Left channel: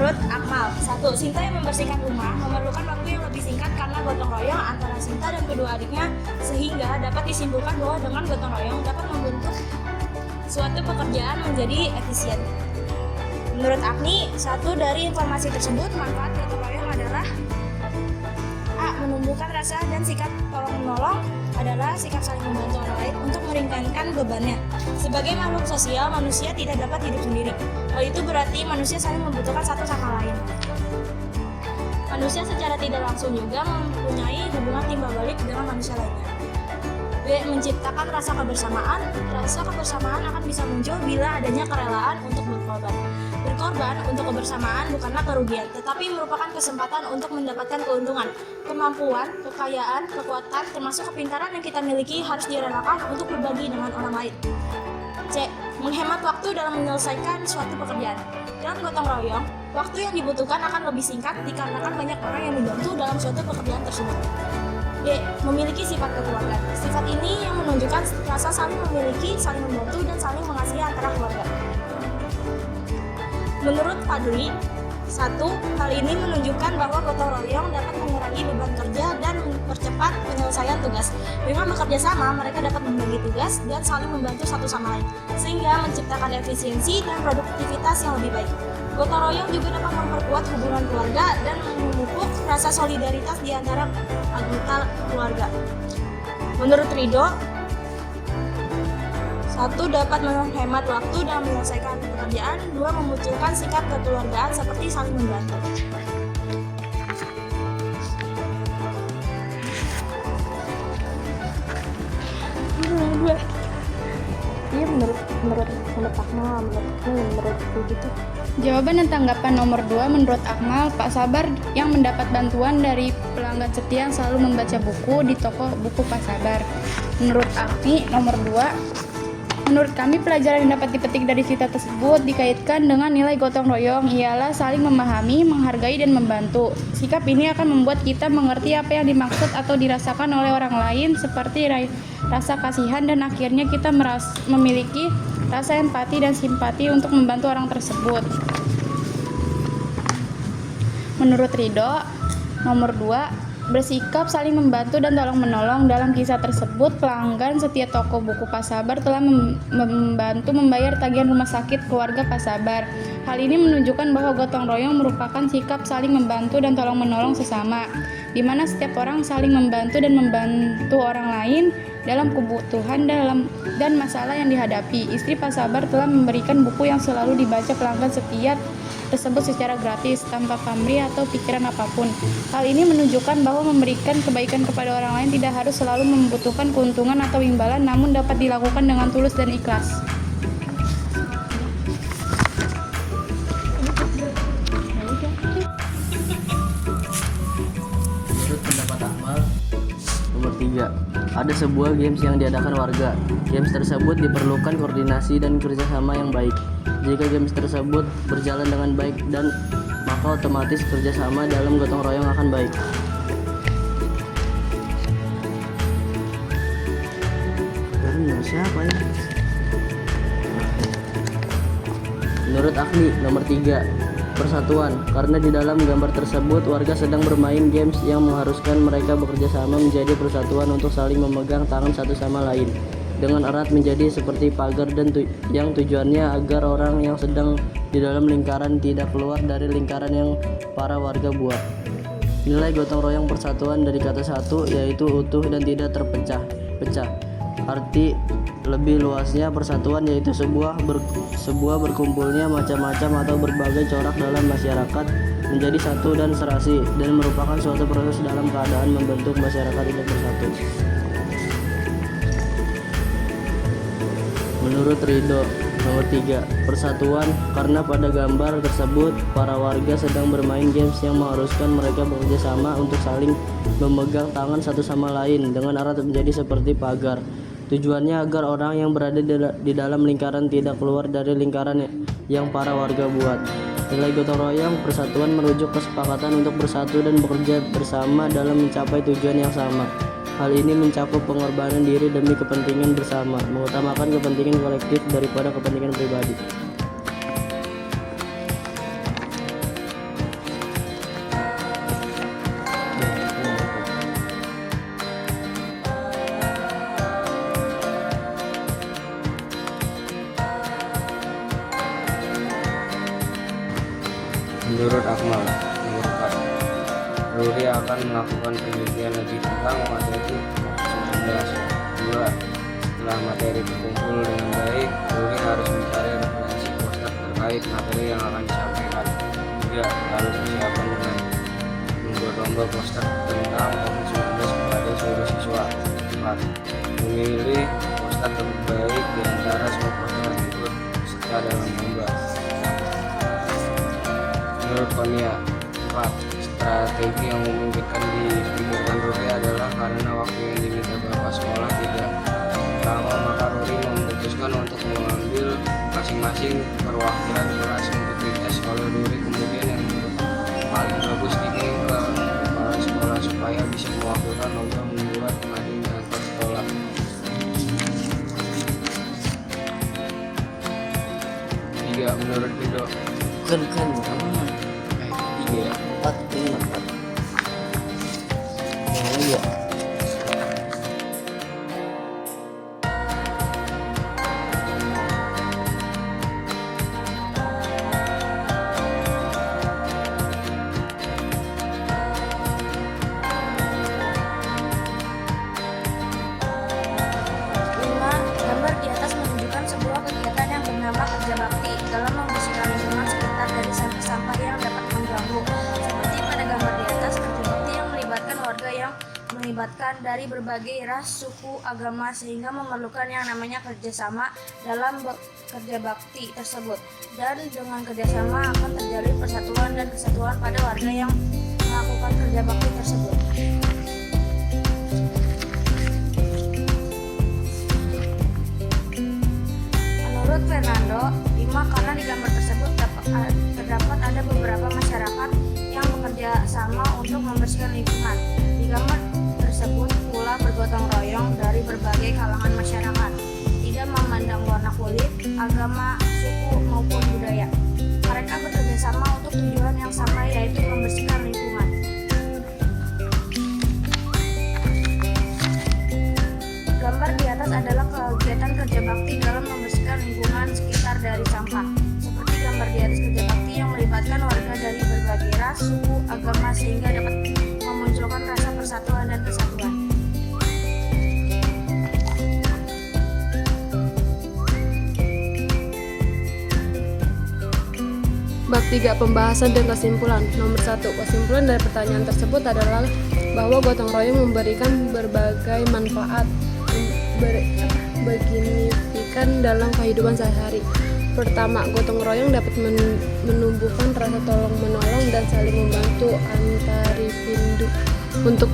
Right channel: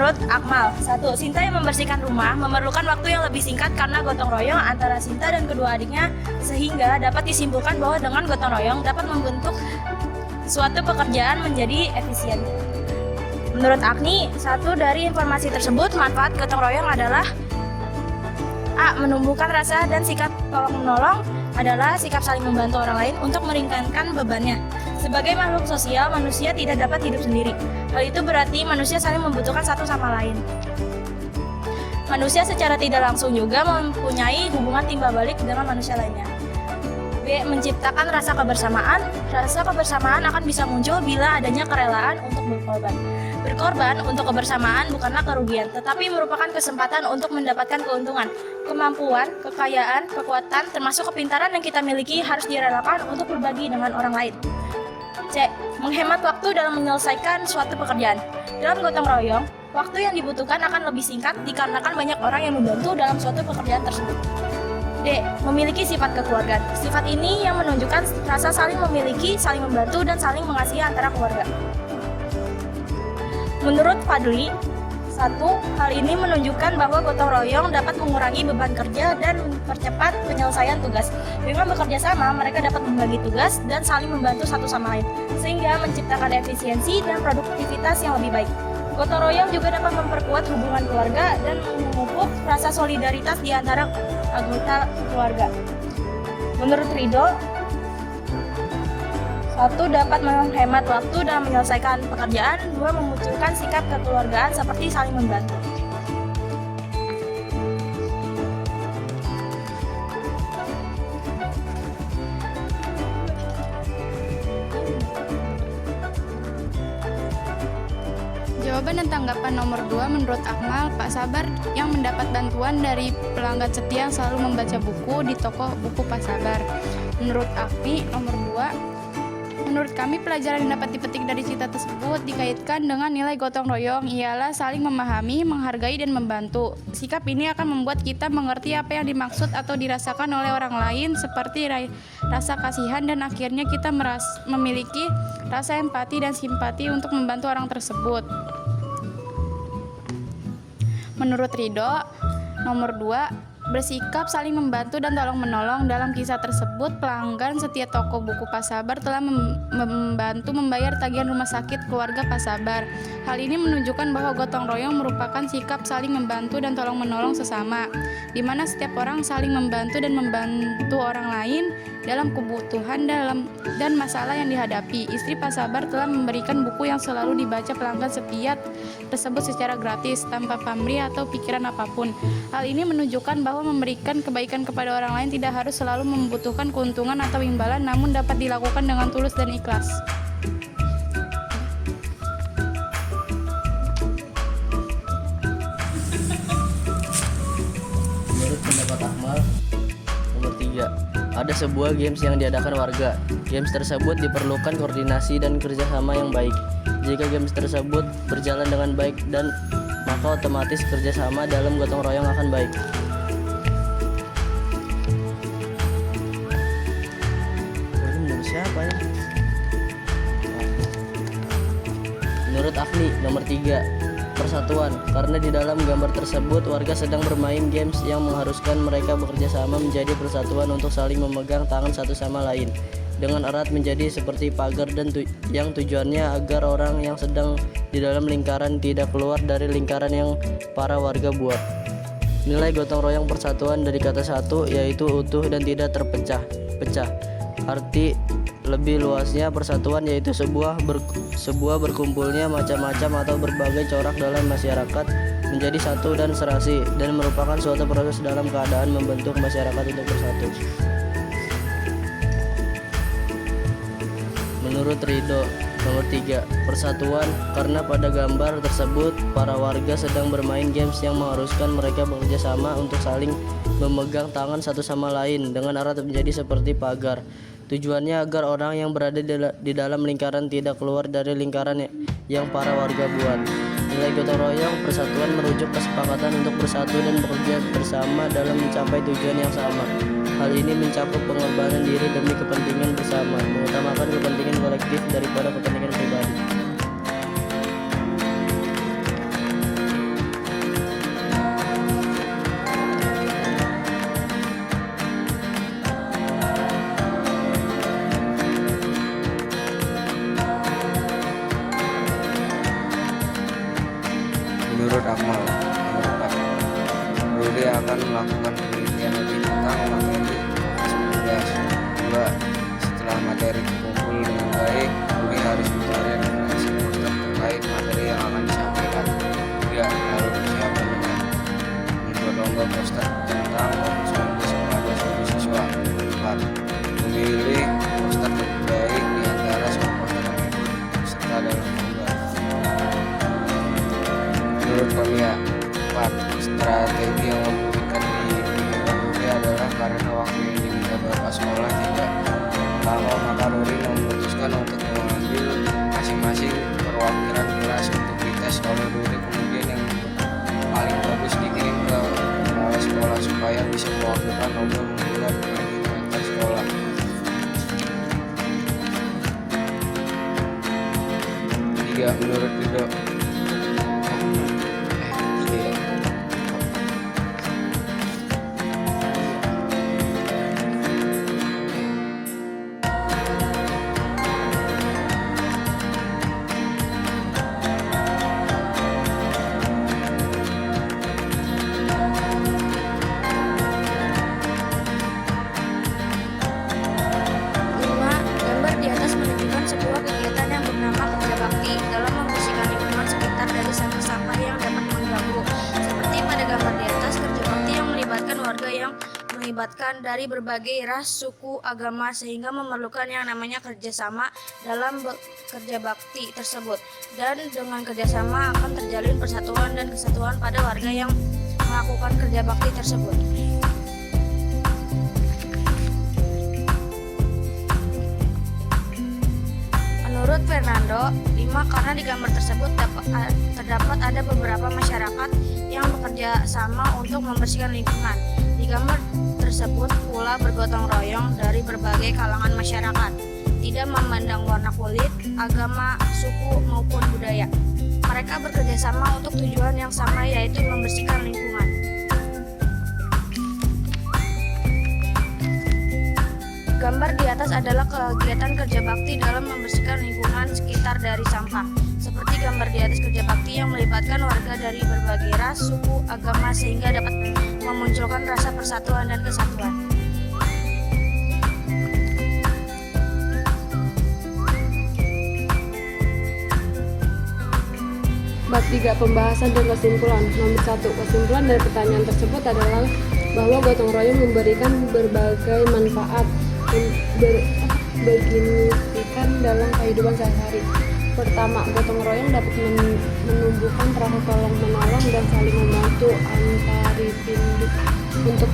Menurut Akmal, 1. Sinta yang membersihkan rumah memerlukan waktu yang lebih singkat karena gotong royong antara Sinta dan kedua adiknya, sehingga dapat disimpulkan bahwa dengan gotong royong dapat membentuk suatu pekerjaan menjadi efisien. Menurut Agni, 1 dari informasi tersebut, manfaat gotong royong adalah A. Menumbuhkan rasa dan sikap tolong-menolong adalah sikap saling membantu orang lain untuk meringankan bebannya. Sebagai makhluk sosial, manusia tidak dapat hidup sendiri. Hal itu berarti manusia saling membutuhkan satu sama lain. Manusia secara tidak langsung juga mempunyai hubungan timbal balik dengan manusia lainnya. B. Menciptakan rasa kebersamaan. Rasa kebersamaan akan bisa muncul bila adanya kerelaan untuk berkorban. Berkorban untuk kebersamaan bukanlah kerugian, tetapi merupakan kesempatan untuk mendapatkan keuntungan. Kemampuan, kekayaan, kekuatan, termasuk kepintaran yang kita miliki harus direlakan untuk berbagi dengan orang lain. C. Menghemat waktu dalam menyelesaikan suatu pekerjaan. Dalam gotong royong, waktu yang dibutuhkan akan lebih singkat dikarenakan banyak orang yang membantu dalam suatu pekerjaan tersebut. D. Memiliki sifat kekeluargaan. Sifat ini yang menunjukkan rasa saling memiliki, saling membantu, dan saling mengasihi antara keluarga. Menurut Fadli, 1. Hal ini menunjukkan bahwa gotong royong dapat mengurangi beban kerja dan mempercepat penyelesaian tugas. Dengan bekerja sama, mereka dapat membagi tugas dan saling membantu satu sama lain, sehingga menciptakan efisiensi dan produktivitas yang lebih baik. Gotong royong juga dapat memperkuat hubungan keluarga dan memupuk rasa solidaritas di antara anggota keluarga. Menurut Ridho, 1. Dapat menghemat waktu dalam menyelesaikan pekerjaan. 2. Memunculkan sikap kekeluargaan seperti saling membantu. Ini menurut Akmal, menurut begitu. Jawaban dan tanggapan nomor 2 menurut Akmal, Pak Sabar yang mendapat bantuan dari pelanggan setia yang selalu membaca buku di toko buku Pak Sabar. Menurut Akti, nomor 2, menurut kami pelajaran yang dapat dipetik dari cerita tersebut dikaitkan dengan nilai gotong royong ialah saling memahami, menghargai, dan membantu. Sikap ini akan membuat kita mengerti apa yang dimaksud atau dirasakan oleh orang lain seperti rasa kasihan, dan akhirnya kita memiliki rasa empati dan simpati untuk membantu orang tersebut. Menurut Ridho, nomor 2, bersikap saling membantu dan tolong-menolong. Dalam kisah tersebut, pelanggan setia toko buku Pak Sabar telah membantu membayar tagihan rumah sakit keluarga Pak Sabar. Hal ini menunjukkan bahwa gotong royong merupakan sikap saling membantu dan tolong-menolong sesama, di mana setiap orang saling membantu dan membantu orang lain dalam kebutuhan dan masalah yang dihadapi. Istri Pak Sabar telah memberikan buku yang selalu dibaca pelanggan setia tersebut secara gratis, tanpa pamrih atau pikiran apapun. Hal ini menunjukkan bahwa memberikan kebaikan kepada orang lain tidak harus selalu membutuhkan keuntungan atau imbalan, namun dapat dilakukan dengan tulus dan ikhlas. Menurut pendapat Akmal, nomor 3, ada sebuah games yang diadakan warga. Games tersebut diperlukan koordinasi dan kerjasama yang baik. Jika games tersebut berjalan dengan baik maka otomatis kerjasama dalam gotong royong akan baik. Siapa ya? Menurut Agni, nomor 3, persatuan. Karena di dalam gambar tersebut warga sedang bermain games yang mengharuskan mereka bekerja sama menjadi persatuan untuk saling memegang tangan satu sama lain dengan erat menjadi seperti pagar dan yang tujuannya agar orang yang sedang di dalam lingkaran tidak keluar dari lingkaran yang para warga buat. Nilai gotong royong persatuan dari kata satu yaitu utuh dan tidak terpecah-pecah. Arti lebih luasnya persatuan yaitu sebuah berkumpulnya macam-macam atau berbagai corak dalam masyarakat menjadi satu dan serasi, dan merupakan suatu proses dalam keadaan membentuk masyarakat itu bersatu. Menurut Ridho, nomor 3, persatuan karena pada gambar tersebut para warga sedang bermain games yang mengharuskan mereka bekerja sama untuk saling memegang tangan satu sama lain dengan erat menjadi seperti pagar. Tujuannya agar orang yang berada di dalam lingkaran tidak keluar dari lingkaran yang para warga buat. Nilai gotong royong persatuan merujuk kesepakatan untuk bersatu dan bekerja bersama dalam mencapai tujuan yang sama. Hal ini mencakup pengorbanan diri demi kepentingan bersama, mengutamakan kepentingan kolektif daripada kepentingan pribadi. Menurut Akmal, nomor 4, Ruli akan melakukan penelitian lebih tentang materi COVID-19. 2. Setelah materi terkumpul dengan baik, Ruli harus mencari referensi poster terkait materi yang akan disampaikan. 3. Lalu persiapan dengan membuat lomba poster tentang COVID-19 kepada seluruh siswa. 4. Memilih poster terbaik di antara semua poster yang ikut serta dalam lomba. Menurut Konia, 4. Strategi yang memungkinkan dipikirkan Ruli adalah karena waktu yang diminta Bapak sekolah tidak lama, maka Ruli memutuskan untuk mengambil masing-masing perwakilan kelas untuk dites oleh Ruli, kemudian yang paling bagus dikirim ke kepala sekolah supaya bisa mewakilkan untuk membuat pengajian antar sekolah. 3. Menurut Rido, Kan 3 ya, 4 ini 4. Salah ya. Lima, gambar di atas menunjukkan sebuah kegiatan yang bernama kerja bakti dalam membersihkan lingkungan sekitar dari sampah-sampah yang dapat mengganggu. Seperti pada gambar di atas, kerja bakti yang melibatkan warga yang melibatkan dari berbagai ras, suku, agama sehingga memerlukan yang namanya kerjasama dalam kerja bakti tersebut. Dan dengan kerjasama akan terjalin persatuan dan kesatuan pada warga yang melakukan kerja bakti tersebut. Menurut Fernando, 5, karena di gambar tersebut terdapat ada beberapa masyarakat yang bekerja sama untuk membersihkan lingkungan. Di gambar tersebut pula bergotong royong dari berbagai kalangan masyarakat, tidak memandang warna kulit, agama, suku maupun budaya. Mereka bekerja sama untuk tujuan yang sama, yaitu membersihkan lingkungan. Gambar di atas adalah kegiatan kerja bakti dalam membersihkan lingkungan sekitar dari sampah. Seperti gambar di atas, kerja bakti yang melibatkan warga dari berbagai ras, suku, agama sehingga dapat memunculkan rasa persatuan dan kesatuan. Bab 3. Pembahasan dan kesimpulan. Nomor 1. Kesimpulan dari pertanyaan tersebut adalah bahwa gotong royong memberikan berbagai manfaat signifikan dalam kehidupan sehari-hari. Pertama, gotong royong dapat menumbuhkan rasa tolong menolong dan saling membantu antar individu untuk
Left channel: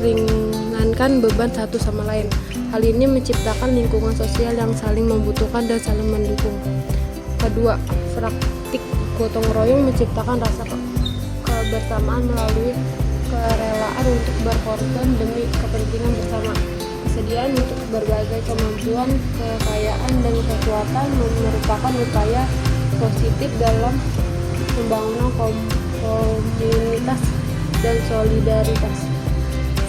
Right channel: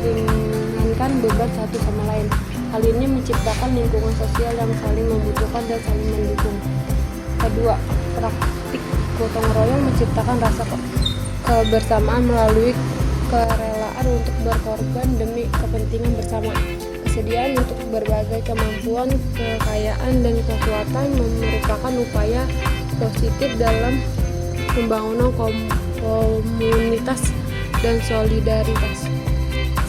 meringankan beban satu sama lain. Hal ini menciptakan lingkungan sosial yang saling membutuhkan dan saling mendukung. Kedua, praktik gotong royong menciptakan rasa kebersamaan melalui kerelaan untuk berkorban demi kepentingan bersama. Kesediaan untuk berbagai kemampuan, kekayaan, dan kekuatan merupakan upaya positif dalam membangun komunitas dan solidaritas.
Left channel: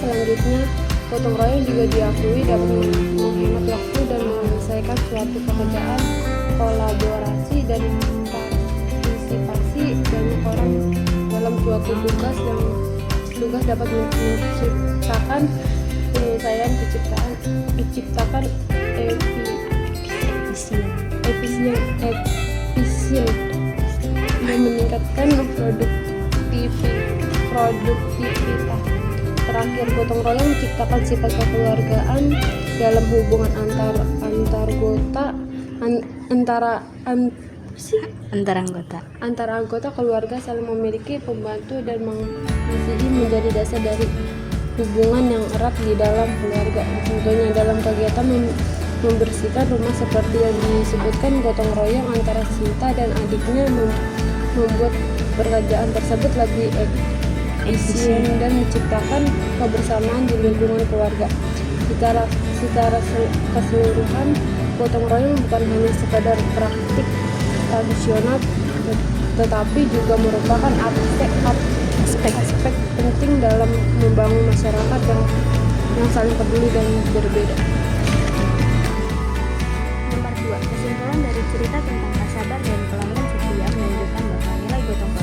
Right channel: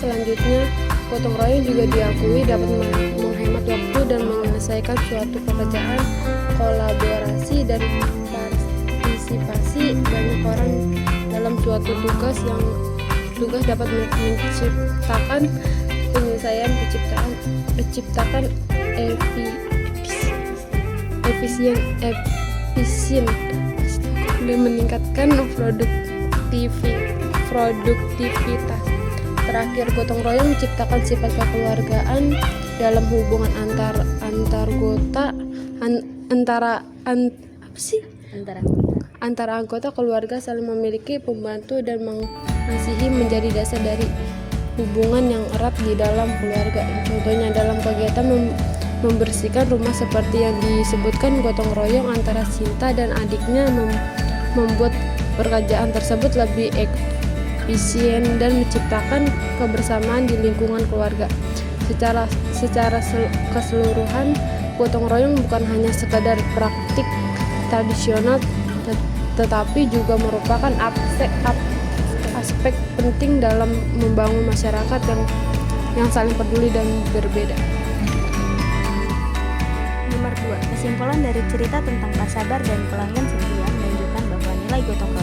Selanjutnya, gotong royong juga diakui dapat menghemat waktu dan menyelesaikan suatu pekerjaan, kolaborasi dan partisipasi banyak orang dalam suatu tugas dapat menciptakan penyelesaian menciptakan efisien dan meningkatkan produktivitas. Terakhir, gotong royong menciptakan sifat kekeluargaan dalam hubungan antara anggota keluarga, saling memiliki, pembantu, dan mengasihi menjadi dasar dari hubungan yang erat di dalam keluarga. Contohnya dalam kegiatan membersihkan rumah seperti yang disebutkan, gotong royong antara Sinta dan adiknya membuat pekerjaan tersebut lebih efisien dan menciptakan kebersamaan di lingkungan keluarga. Secara keseluruhan, gotong royong bukan hanya sekadar praktik tradisional, tetapi juga merupakan aspek penting dalam membangun masyarakat yang saling peduli dan berbeda. Nomor 2. Kesimpulan dari cerita tentang Pak Sabar dan pelanggan setia menunjukkan bahwa nilai gotong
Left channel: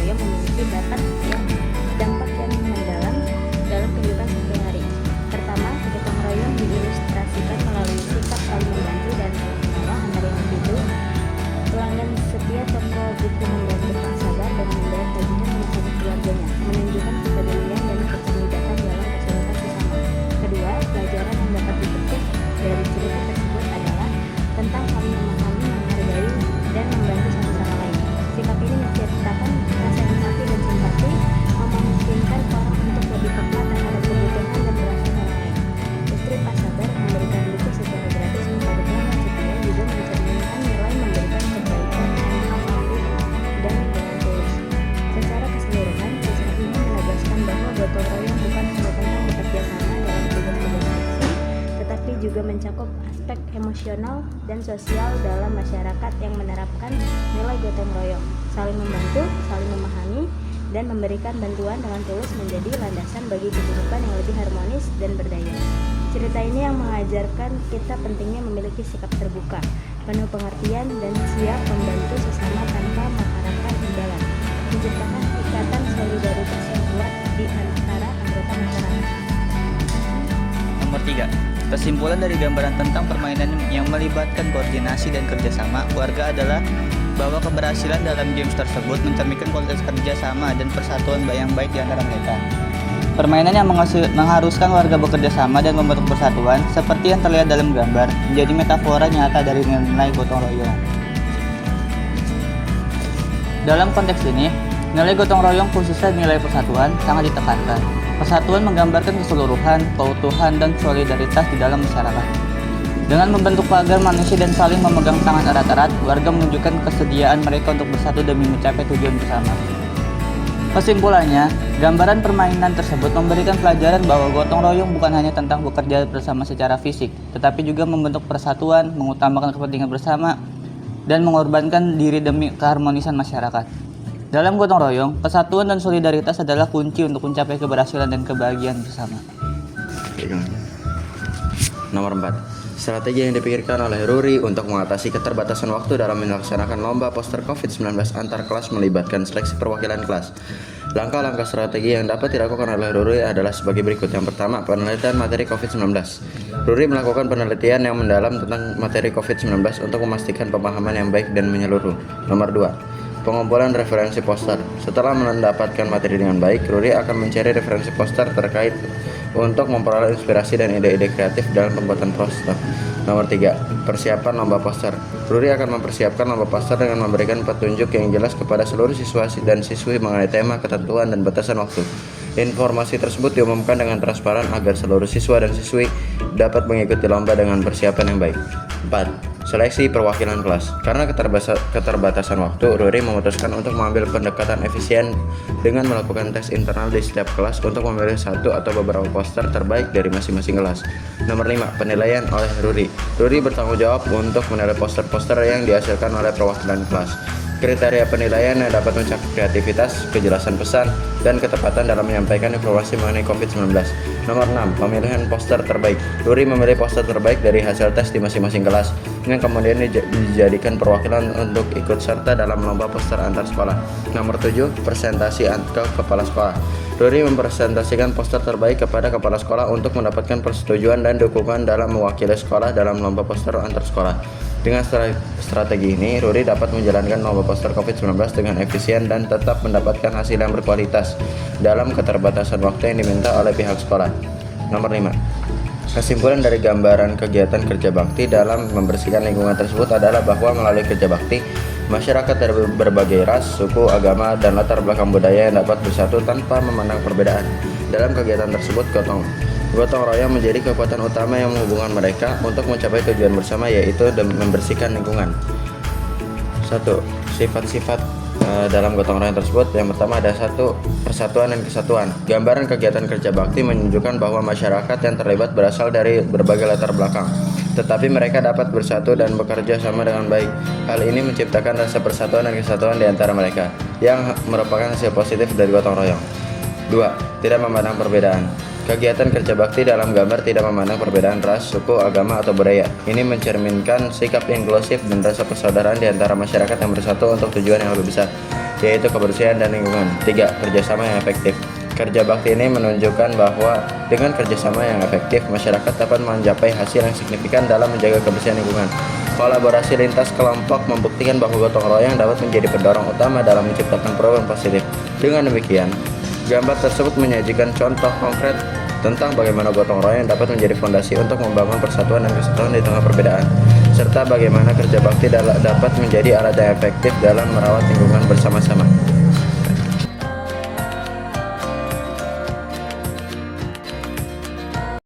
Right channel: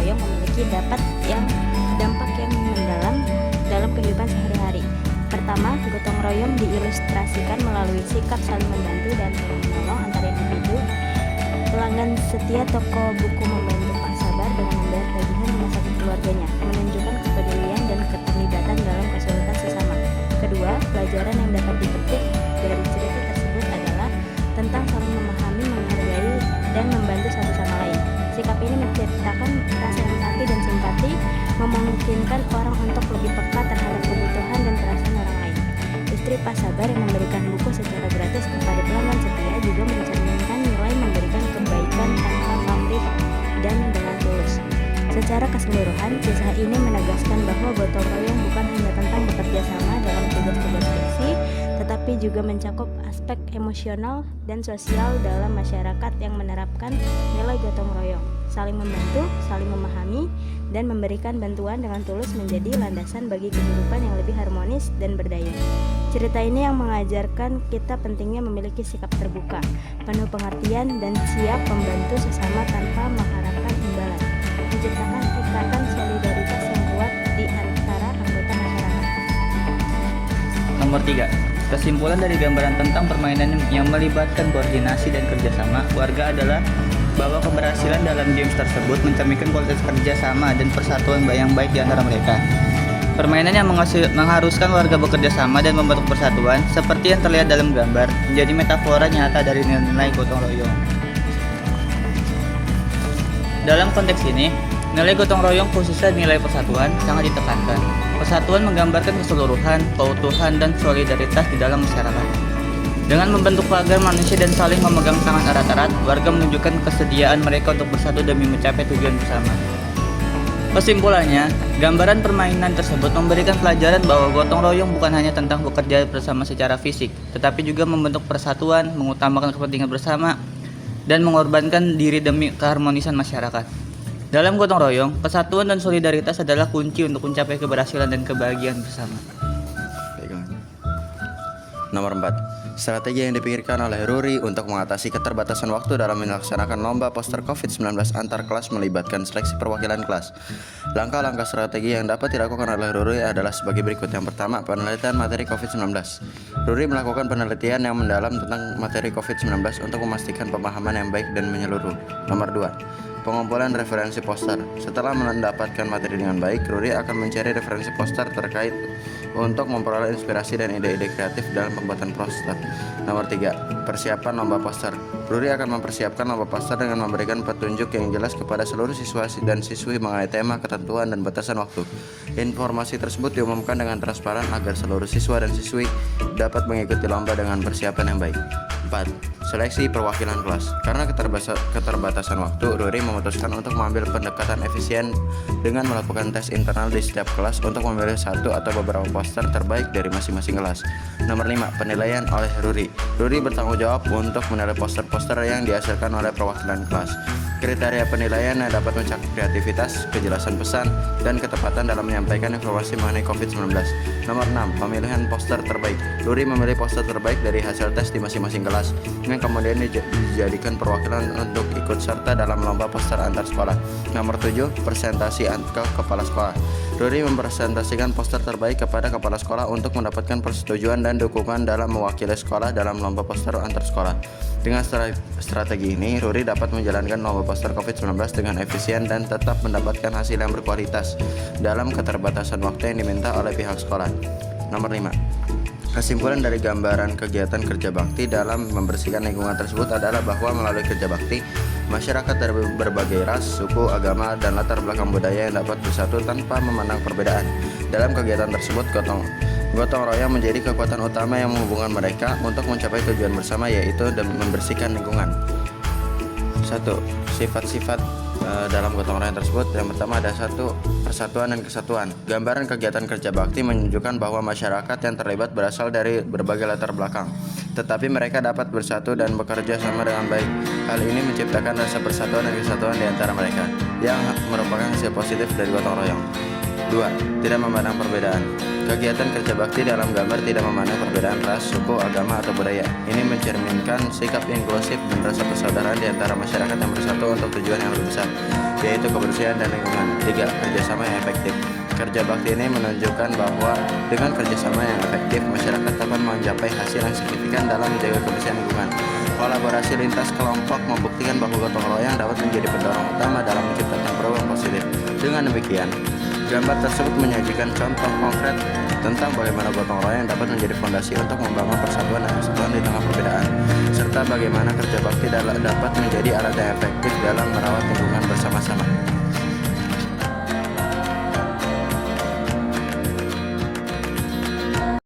emosional dan sosial dalam masyarakat yang menerapkan nilai gotong royong, saling membantu, saling memahami, dan memberikan bantuan dengan tulus menjadi landasan bagi kehidupan yang lebih harmonis dan berdaya. Cerita ini yang mengajarkan kita pentingnya memiliki sikap terbuka, penuh pengertian, dan siap membantu sesama tanpa mengharapkan imbalan, menciptakan ikatan solidaritas yang kuat di antara anggota masyarakat. Nomor 3. Kesimpulan dari gambaran tentang permainan yang melibatkan koordinasi dan kerjasama keluarga adalah bahwa keberhasilan dalam games tersebut mencerminkan kualitas kerjasama dan persatuan yang baik di antara mereka. Permainan yang mengharuskan warga bekerja sama dan membentuk persatuan, seperti yang terlihat dalam gambar, menjadi metafora nyata dari nilai gotong royong. Dalam konteks ini, nilai gotong royong khususnya nilai persatuan sangat ditekankan. Persatuan menggambarkan keseluruhan, keutuhan, dan solidaritas di dalam masyarakat. Dengan membentuk pagar manusia dan saling memegang tangan erat-erat, warga menunjukkan kesediaan mereka untuk bersatu demi mencapai tujuan bersama. Kesimpulannya, gambaran permainan tersebut memberikan pelajaran bahwa gotong royong bukan hanya tentang bekerja bersama secara fisik, tetapi juga membentuk persatuan, mengutamakan kepentingan bersama, dan mengorbankan diri demi keharmonisan masyarakat. Dalam gotong royong, kesatuan dan solidaritas adalah kunci untuk mencapai keberhasilan dan kebahagiaan bersama. Nomor 4. Strategi yang dipikirkan oleh Ruri untuk mengatasi keterbatasan waktu dalam melaksanakan lomba poster COVID-19 antar kelas melibatkan seleksi perwakilan kelas. Langkah-langkah strategi yang dapat dilakukan oleh Ruri adalah sebagai berikut. Yang pertama, penelitian materi COVID-19. Ruri melakukan penelitian yang mendalam tentang materi COVID-19 untuk memastikan pemahaman yang baik dan menyeluruh. Nomor 2. Pengumpulan referensi poster. Setelah mendapatkan materi dengan baik, Ruri akan mencari referensi poster terkait untuk memperoleh inspirasi dan ide-ide kreatif dalam pembuatan poster. Nomor 3. Persiapan lomba poster. Ruri akan mempersiapkan lomba poster dengan memberikan petunjuk yang jelas kepada seluruh siswa dan siswi mengenai tema, ketentuan, dan batasan waktu. Informasi tersebut diumumkan dengan transparan agar seluruh siswa dan siswi dapat mengikuti lomba dengan persiapan yang baik. 4. Seleksi perwakilan kelas. Karena keterbatasan waktu, Ruri memutuskan untuk mengambil pendekatan efisien dengan melakukan tes internal di setiap kelas untuk memilih satu atau beberapa poster terbaik dari masing-masing kelas. Nomor 5. Penilaian oleh Ruri. Ruri bertanggung jawab untuk menilai poster-poster yang dihasilkan oleh perwakilan kelas. Kriteria penilaian yang dapat mencakup kreativitas, kejelasan pesan, dan ketepatan dalam menyampaikan informasi mengenai COVID-19. Nomor 6. Pemilihan poster terbaik. Ruri memilih poster terbaik dari hasil tes di masing-masing kelas, yang kemudian dijadikan perwakilan untuk ikut serta dalam lomba poster antar sekolah. Nomor 7. Presentasi ke kepala sekolah. Ruri mempresentasikan poster terbaik kepada kepala sekolah untuk mendapatkan persetujuan dan dukungan dalam mewakili sekolah dalam lomba poster antar sekolah. Dengan strategi ini, Ruri dapat menjalankan lomba poster COVID-19 dengan efisien dan tetap mendapatkan hasil yang berkualitas dalam keterbatasan waktu yang diminta oleh pihak sekolah. Nomor 5. Kesimpulan dari gambaran kegiatan kerja bakti dalam membersihkan lingkungan tersebut adalah bahwa melalui kerja bakti, masyarakat dari berbagai ras, suku, agama, dan latar belakang budaya yang dapat bersatu tanpa memandang perbedaan. Dalam kegiatan tersebut, gotong royong menjadi kekuatan utama yang menghubungkan mereka untuk mencapai tujuan bersama, yaitu membersihkan lingkungan. 1. Sifat-sifat dalam gotong royong tersebut. Yang pertama ada 1. Persatuan dan kesatuan. Gambaran kegiatan kerja bakti menunjukkan bahwa masyarakat yang terlibat berasal dari berbagai latar belakang, tetapi mereka dapat bersatu dan bekerja sama dengan baik. Hal ini menciptakan rasa persatuan dan kesatuan di antara mereka, yang merupakan hasil positif dari gotong royong. 2. Tidak memandang perbedaan. Kegiatan kerja bakti dalam gambar tidak memandang perbedaan ras, suku, agama, atau budaya. Ini mencerminkan sikap inklusif dan rasa persaudaraan di antara masyarakat yang bersatu untuk tujuan yang lebih besar, yaitu kebersihan dan lingkungan. 3. Kerjasama yang efektif. Kerja bakti ini menunjukkan bahwa dengan kerjasama yang efektif, masyarakat dapat mencapai hasil yang signifikan dalam menjaga kebersihan lingkungan. Kolaborasi lintas kelompok membuktikan bahwa gotong royong dapat menjadi pendorong utama dalam menciptakan perubahan positif. Dengan demikian, gambar tersebut menyajikan contoh konkret tentang bagaimana gotong royong dapat menjadi fondasi untuk membangun persatuan dan kesatuan di tengah perbedaan, serta bagaimana kerja bakti dapat menjadi alat yang efektif dalam merawat lingkungan bersama-sama.